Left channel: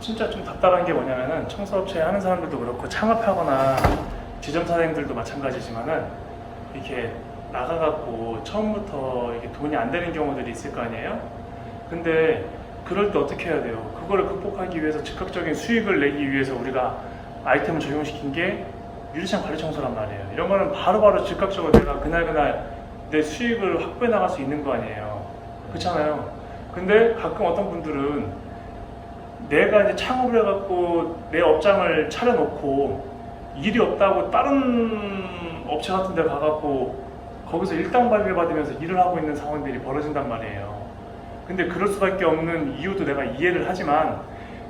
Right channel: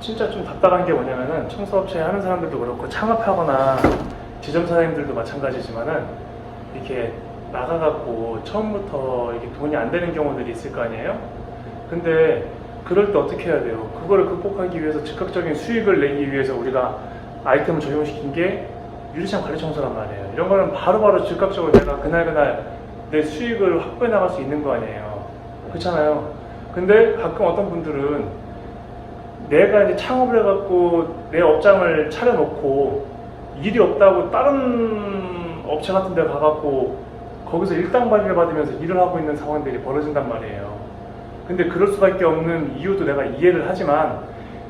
진짜 좀 답답한 게 뭐냐면은 청소업체 하는 사람들도 그렇고 창업하거나 지점 사장님들도 마찬가지지만은 이렇게 나가갖고 처음부터 이게 돈이 안 되는 경우들이 있을 거 아니에요? 근데 그럴 때 어떻게 해야 돼요? 그거를 극복하기 위해서 즉각적인 수익을 내기 위해서 우리가 아이템을 적용시킨 게 유리창 관리 청소란 말이에요. 이런 거는 바로바로 즉각적으로 내가 그날 내 수익을 확보해 나갈 수 있는 거 아니에요. 그렇잖아요. 근데 가끔 어떤 분들은 내가 이제 창업을 해갖고 내 업장을 차려놓고 일이 없다고 다른 업체 같은 데 가갖고 거기서 일당발기를 받으면서 일을 하고 있는 상황들이 벌어진단 말이에요. 근데 그럴 수밖에 없는 이유도 내가 이해를 하지만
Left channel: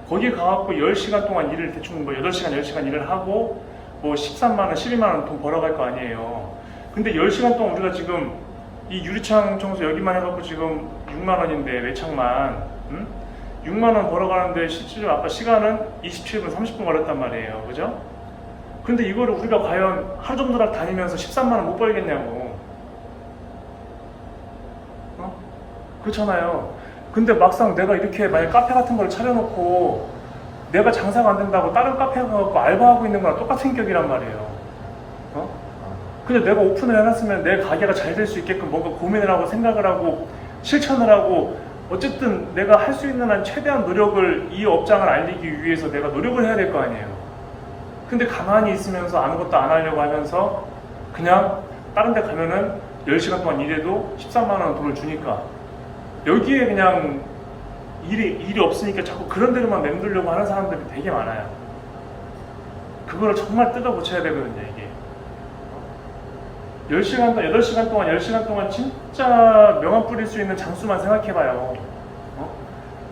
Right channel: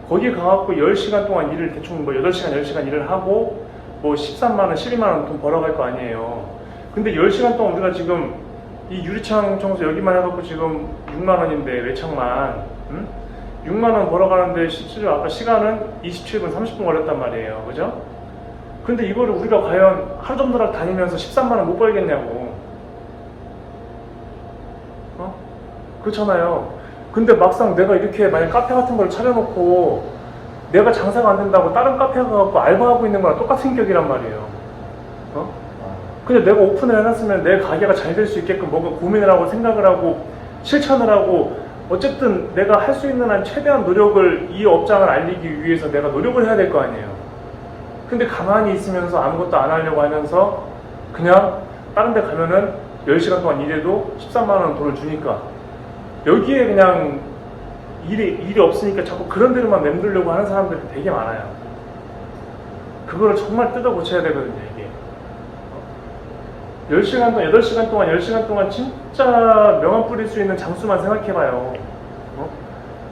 거기 가갖고 10시간 동안 일을 대충 뭐 8시간, 10시간 일을 하고 뭐 13만원, 12만원 돈 벌어갈 거 아니에요. 근데 10시간 동안 우리가 지금 이 유리창 청소 여기만 해갖고 지금 6만원인데 매창만 6만원 벌어가는데 실제로 아까 시간은 27분, 30분 걸렸단 말이에요. 그죠? 근데 이거를 우리가 과연 하루 종일 다니면서 13만원 못 벌겠냐고. 그렇잖아요. 근데 막상 내가 이렇게 만약 카페 같은 걸 차려놓고 내가 장사가 안 된다고 다른 카페 가갖고 알바하고 있는 거랑 똑같은 격이란 말이에요. 근데 내가 오픈을 해놨으면 내 가게가 잘 될 수 있게끔 뭔가 고민을 하고 생각을 하고 실천을 하고 어쨌든 내가 할 수 있는 한 최대한 노력을 이 업장을 알리기 위해서 내가 노력을 해야 될 거 아니에요. 근데 가만히 있으면서 아무것도 안 하려고 하면서 그냥 다른 데 가면은 10시간 동안 일해도 13만원 돈을 주니까 여기에 그냥 일이 없으니까 자꾸 그런 데로만 맴돌려고 하는 사람들이 되게 많아요. 그거를 정말 뜯어 고쳐야 되거든요, 이게. 10시간 동안, 8시간 동안, 10시간 동안 진짜 명함 뿌릴 수 있는 장수만 생각해봐요.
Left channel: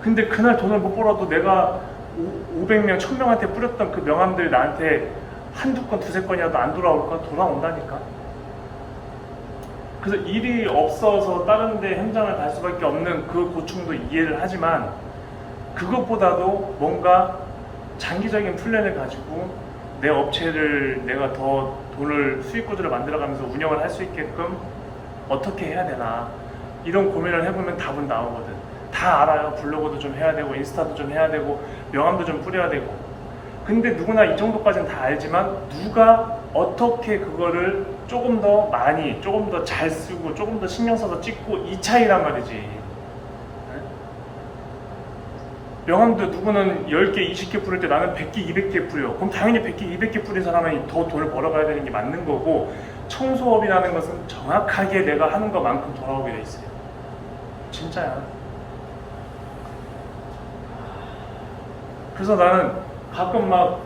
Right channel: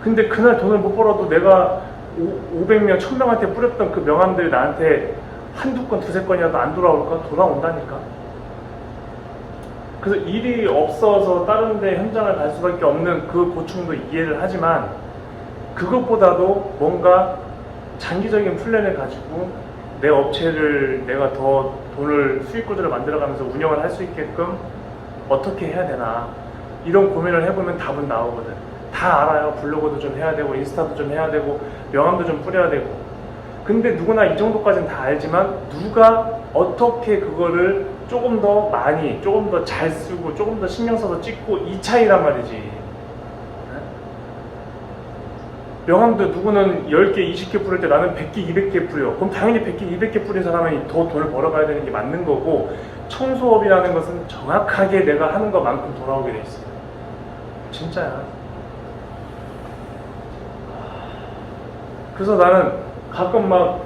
근데 그날 돈을 못 벌어도 내가 500명, 1000명한테 뿌렸던 그 명함들이 나한테 한두 건, 두세 건이라도 안 돌아올까? 돌아온다니까. 그래서 일이 없어서 다른 데 현장을 갈 수밖에 없는 그 고충도 이해를 하지만 그것보다도 뭔가 장기적인 플랜을 가지고 내 업체를 내가 더 돈을 수익 구조를 만들어가면서 운영을 할 수 있게끔 어떻게 해야 되나 이런 고민을 해보면 답은 나오거든. 다 알아요. 블로그도 좀 해야 되고 인스타도 좀 해야 되고 명함도 좀 뿌려야 되고. 근데 누구나 이 정도까지는 다 알지만 누가 어떻게 그거를 조금 더 많이, 조금 더 잘 쓰고 조금 더 신경 써서 찍고 이 차이란 말이지. 명함도 누구는 10개, 20개 뿌릴 때 나는 100개, 200개 뿌려. 그럼 당연히 100개, 200개 뿌린 사람은 더 돈을 벌어가야 되는 게 맞는 거고 청소업이라는 것은 정확하게 내가 하는 것만큼 돌아오게 돼 있어요. 진짜야. 그래서 나는 가끔 막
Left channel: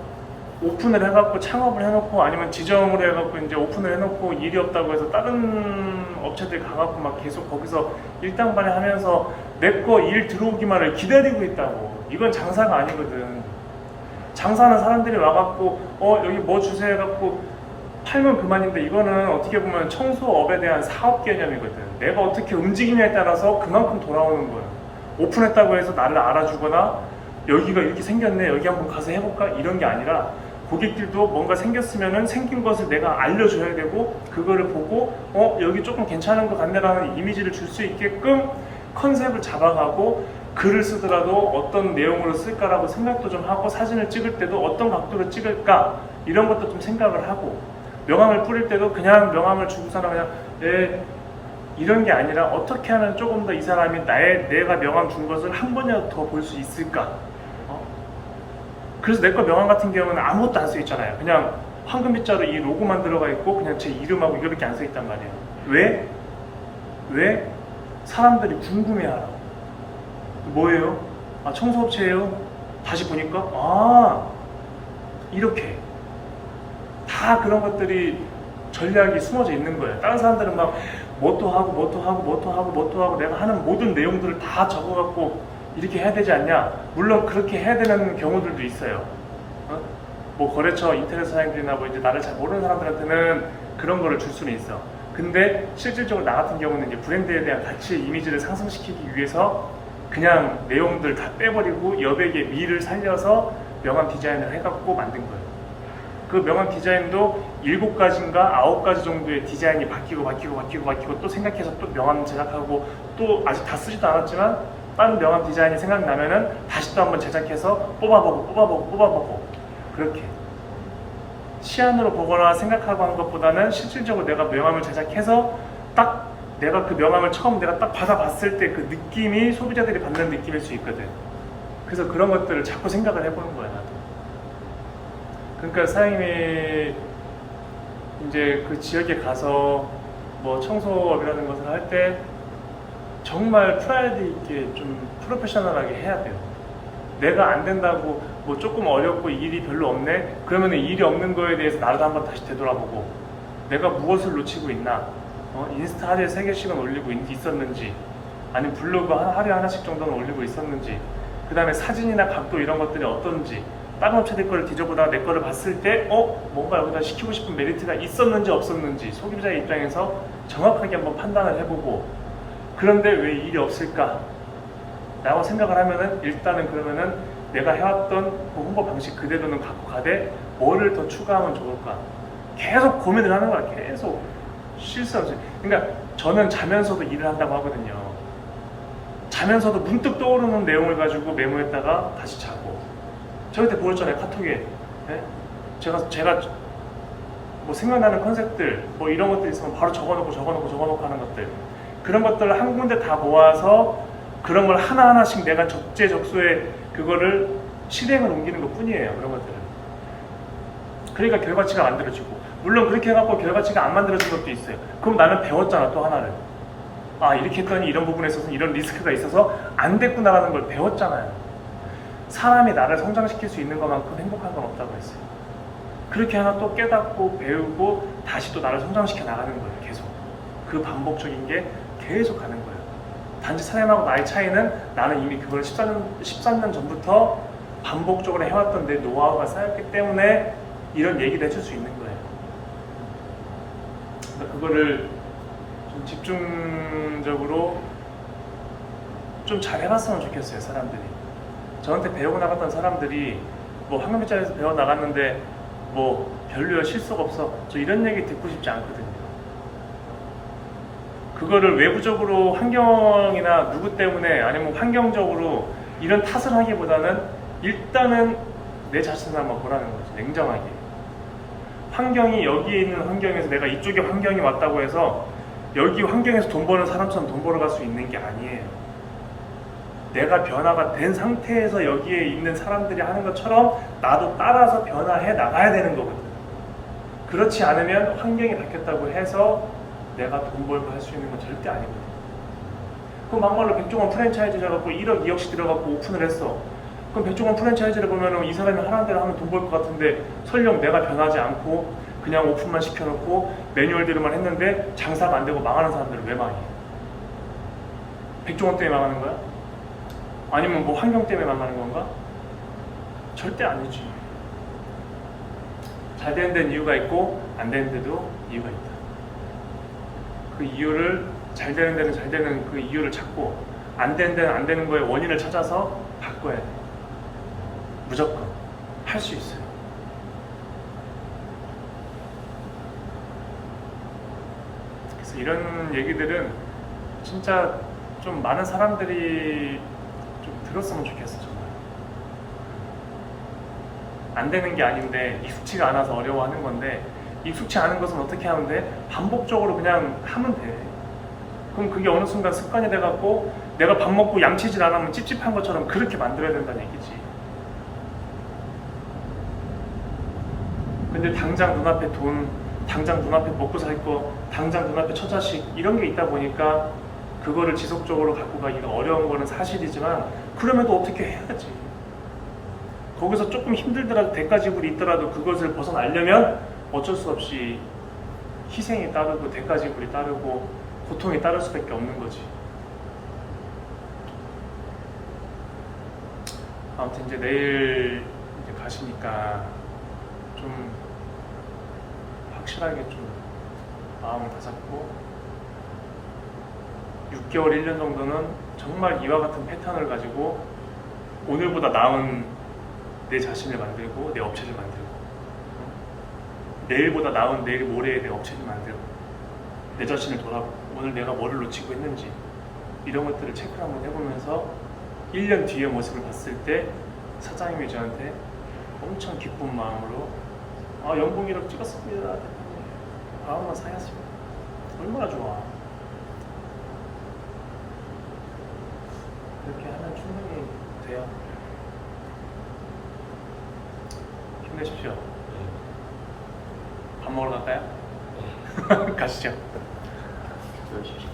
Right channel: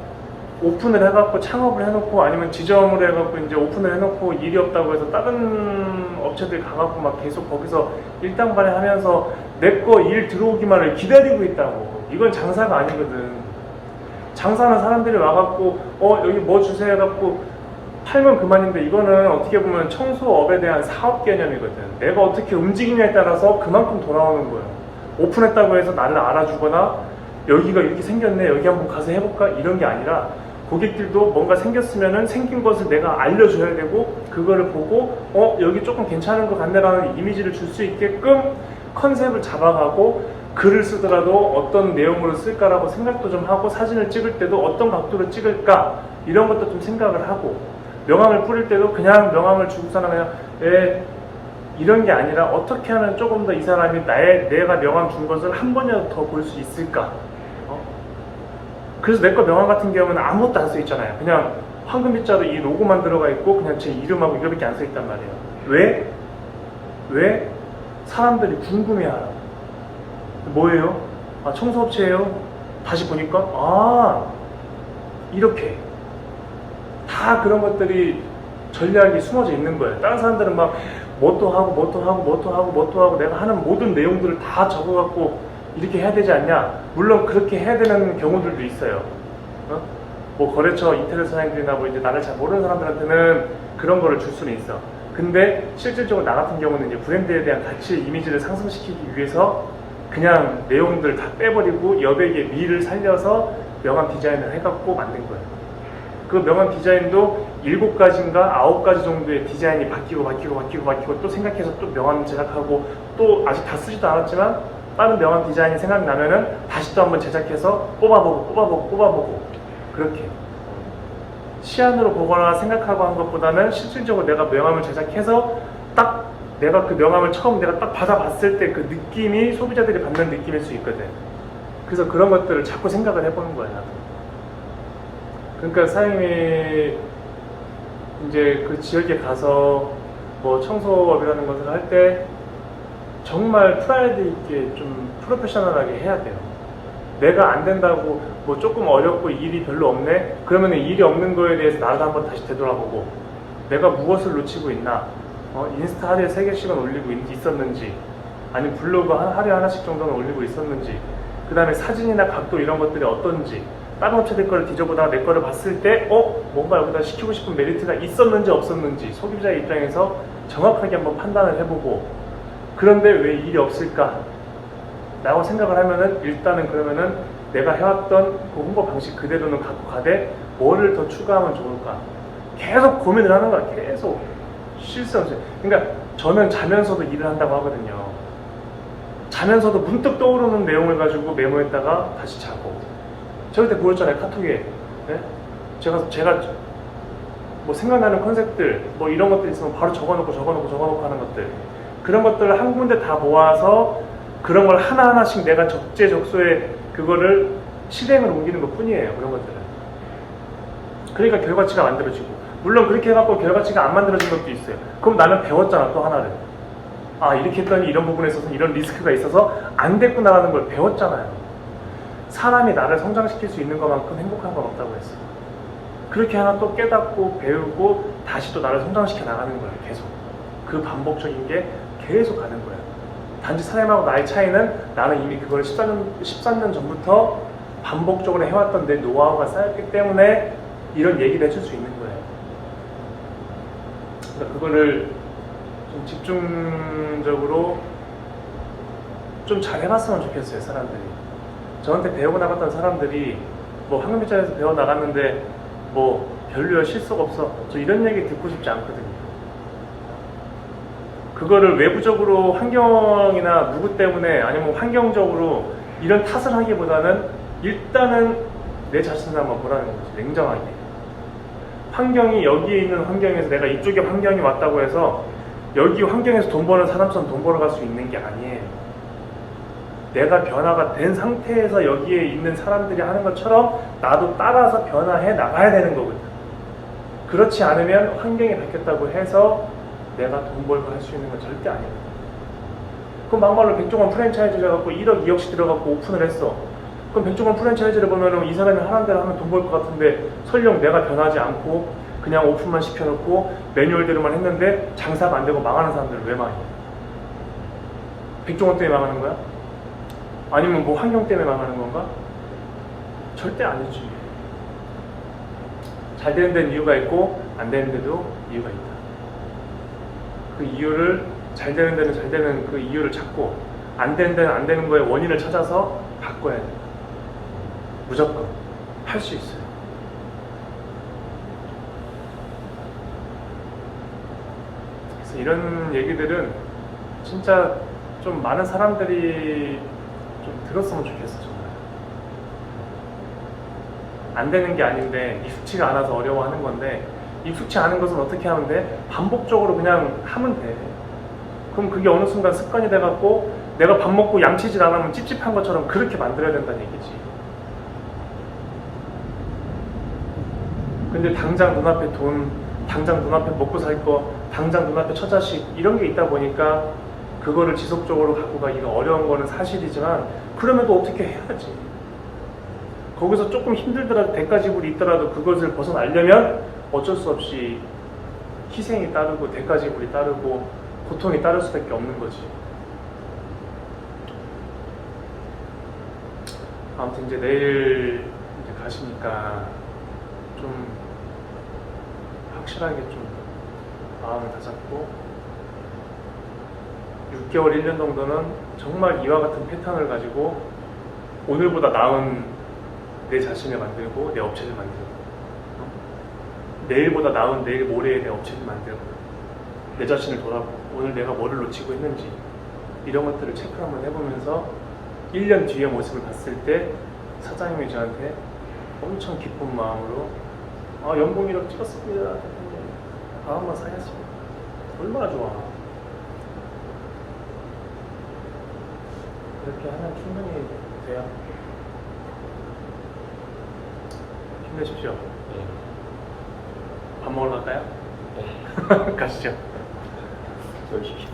오픈을 해갖고 창업을 해놓고 아니면 지점으로 해갖고 이제 오픈을 해놓고 일이 없다고 해서 다른 업체들 가갖고 막 계속 거기서 일당발휘 하면서 내 거 일 들어오기만을 기다리고 있다고. 이건 장사가 아니거든. 장사는 사람들이 와갖고 여기 뭐 주세요 해갖고 팔면 그만인데 이거는 어떻게 보면 청소업에 대한 사업 개념이거든. 내가 어떻게 움직이냐에 따라서 그만큼 돌아오는 거예요. 오픈했다고 해서 나를 알아주거나 여기가 이렇게 생겼네 여기 한번 가서 해볼까 이런 게 아니라 고객들도 뭔가 생겼으면은 생긴 것을 내가 알려줘야 되고 그거를 보고 여기 조금 괜찮은 것 같네라는 이미지를 줄 수 있게끔 컨셉을 잡아가고 글을 쓰더라도 어떤 내용으로 쓸까라고 생각도 좀 하고 사진을 찍을 때도 어떤 각도로 찍을까 이런 것도 좀 생각을 하고 명함을 뿌릴 때도 그냥 명함을 주고서는 그냥 이런 게 아니라 어떻게 하면 조금 더 이 사람이 내가 명함 준 것을 한 번이라도 더 볼 수 있을까. 그래서 내 거 명함 같은 경우는 아무것도 안 써 있잖아요. 그냥 황금 빗자루 이 로고만 들어가 있고 그냥 제 이름하고 이거밖에 안 써 있단 말이에요. 왜? 왜? 사람들이 궁금해하라고. 뭐예요? 아 청소업체예요? 다시 보니까 이렇게 다 그런 것들이 전략이 숨어져 있는 거예요. 다른 사람들은 막 뭣도 하고 내가 하는 모든 내용들을 다 적어갖고 이렇게 해야 되지 않냐? 물론 그렇게 해야 되는 경우들도 있어요. 뭐 거래처 인테리어 사장님들이나 뭐 이제 나를 잘 모르는 사람들한테는 그런 거를 줄 수는 있어. 근데 실질적으로 나 같은 경우는 이제 브랜드에 대한 가치 이미지를 상승시키기 위해서 그냥 내용들 다 빼버리고 여백의 미를 살려서 명함 디자인을 해갖고 만든 거예요. 그 명함 디자인도 7가지인가 9가지 정도의 디자인이 바뀌고 또 생각해서 또 명함 제작하고 또 아직 다 쓰지도 않았지만 다른 명함 디자인이 생각나면은 다시 또 한번 제작해서 뽑아보고 그렇게 시안으로 보거나 생각하고 한 것보다는 실질적으로 내가 명함을 제작해서 딱 내가 그 명함을 처음 내가 딱 받아봤을 때 그 느낌이 소비자들이 받는 느낌일 수 있거든. 그래서 그런 것들을 자꾸 생각을 해보는 거야, 나도. 그러니까 사장님이 이제 그 지역에 가서 뭐 청소업이라는 것을 할 때 정말 프라이드 있게 좀 프로페셔널하게 해야 돼요. 내가 안 된다고 뭐 조금 어렵고 일이 별로 없네? 그러면 일이 없는 거에 대해서 나도 한번 다시 되돌아보고 내가 무엇을 놓치고 있나? 인스타 하루에 3개씩은 올리고 있었는지 아니면 블로그 하루에 하나씩 정도는 올리고 있었는지 그 다음에 사진이나 각도 이런 것들이 어떤지 다른 업체들 거를 뒤져보다가 내 거를 봤을 때 뭔가 여기다 시키고 싶은 메리트가 있었는지 없었는지 소비자의 입장에서 정확하게 한번 판단을 해보고 그런데 왜 일이 없을까? 라고 생각을 하면은 일단은 그러면은 내가 해왔던 그 홍보 방식 그대로는 갖고 가되 뭐를 더 추가하면 좋을까? 계속 고민을 하는 거야. 계속 쉴 새 없이. 그러니까 저는 자면서도 일을 한다고 하거든요. 자면서도 문득 떠오르는 내용을 가지고 메모했다가 다시 자고. 저 그때 보였잖아요, 카톡에. 네? 제가 뭐 생각나는 컨셉들 뭐 이런 것들 있으면 바로 적어놓고 하는 것들. 그런 것들을 한 군데 다 모아서 그런 걸 하나하나씩 내가 적재적소에 그거를 실행을 옮기는 것 뿐이에요. 그런 것들은. 그러니까 결과치가 만들어지고 물론 그렇게 해갖고 결과치가 안 만들어진 것도 있어요. 그럼 나는 배웠잖아, 또 하나를. 아, 이렇게 했더니 이런 부분에 있어서 이런 리스크가 있어서 안 됐구나라는 걸 배웠잖아요. 사람이 나를 성장시킬 수 있는 것만큼 행복한 건 없다고 했어요. 그렇게 하나 또 깨닫고 배우고 다시 또 나를 성장시켜 나가는 거예요. 계속. 그 반복적인 게 계속 가는 거예요. 단지 사람하고 나의 차이는 나는 이미 그걸 13년 전부터 반복적으로 해왔던 내 노하우가 쌓였기 때문에 이런 얘기를 해줄 수 있는 거예요. 그러니까 그거를 좀 집중적으로 좀 잘 해봤으면 좋겠어요, 사람들이. 저한테 배우고 나갔던 사람들이 뭐 황금빛자리에서 배워 나갔는데 뭐 별로야, 실수가 없어, 저 이런 얘기 듣고 싶지 않거든요. 그거를 외부적으로 환경이나 누구 때문에 아니면 환경적으로 이런 탓을 하기보다는 일단은 내 자신을 한번 보라는 거죠. 냉정하게. 환경이 여기에 있는 환경에서 내가 이쪽에 환경이 왔다고 해서 여기 환경에서 돈 버는 사람처럼 돈 벌어갈 수 있는 게 아니에요. 내가 변화가 된 상태에서 여기에 있는 사람들이 하는 것처럼 나도 따라서 변화해 나가야 되는 거거든. 그렇지 않으면 환경이 바뀌었다고 해서 내가 돈 벌고 할 수 있는 건 절대 아니거든. 그럼 막말로 백종원 프랜차이즈를 갖고 1억 2억씩 들어갖고 오픈을 했어. 그럼 백종원 프랜차이즈를 보면은 이 사람이 하는 대로 하면 돈 벌 것 같은데 설령 내가 변하지 않고 그냥 오픈만 시켜놓고 매뉴얼대로만 했는데 장사가 안 되고 망하는 사람들은 왜 망해? 백종원 때문에 망하는 거야? 아니면 뭐 환경 때문에 망하는 건가? 절대 아니지. 잘 되는 데는 이유가 있고 안 되는 데도 이유가 있다. 그 이유를 잘 되는 데는 잘 되는 그 이유를 찾고 안 되는 데는 안 되는 거에 원인을 찾아서 바꿔야 돼. 무조건 할 수 있어요. 그래서 이런 얘기들은 진짜 좀 많은 사람들이 좀 들었으면 좋겠어. 정말 안 되는 게 아닌데 익숙치가 않아서 어려워하는 건데 익숙치 않은 것은 어떻게 하면 돼? 반복적으로 그냥 하면 돼. 그럼 그게 어느 순간 습관이 돼갖고 내가 밥 먹고 양치질 안 하면 찝찝한 것처럼 그렇게 만들어야 된다는 얘기지. 근데 당장 눈앞에 돈, 당장 눈앞에 먹고 살 거, 당장 눈앞에 처자식 이런 게 있다 보니까 그거를 지속적으로 갖고 가기가 어려운 거는 사실이지만 그럼에도 어떻게 해야지. 거기서 조금 힘들더라도 대가지불이 있더라도 그것을 벗어나려면 어쩔 수 없이 희생이 따르고 대가지불이 따르고 고통이 따를 수밖에 없는 거지. 아무튼 이제 내일 이제 가시니까 좀 확실하게 좀 마음을 다잡고 6개월, 1년 정도는 정말 이와 같은 패턴을 가지고 오늘보다 나은 내 자신을 만들고 내 업체를 만들고 내일보다 나은 내일 모레의 내 업체를 만들고 내 자신을 돌아보고 오늘 내가 뭐를 놓치고 있는지 이런 것들을 체크 한번 해보면서 1년 뒤의 모습을 봤을 때 사장님이 저한테 엄청 기쁜 마음으로 연봉이라도 찍었습니다 대표님, 다음만 사야지. 얼마나 좋아. 그렇게 하면 충분히 돼요. 힘내십시오. 밥 먹으러 갈까요? 가시죠. 열심히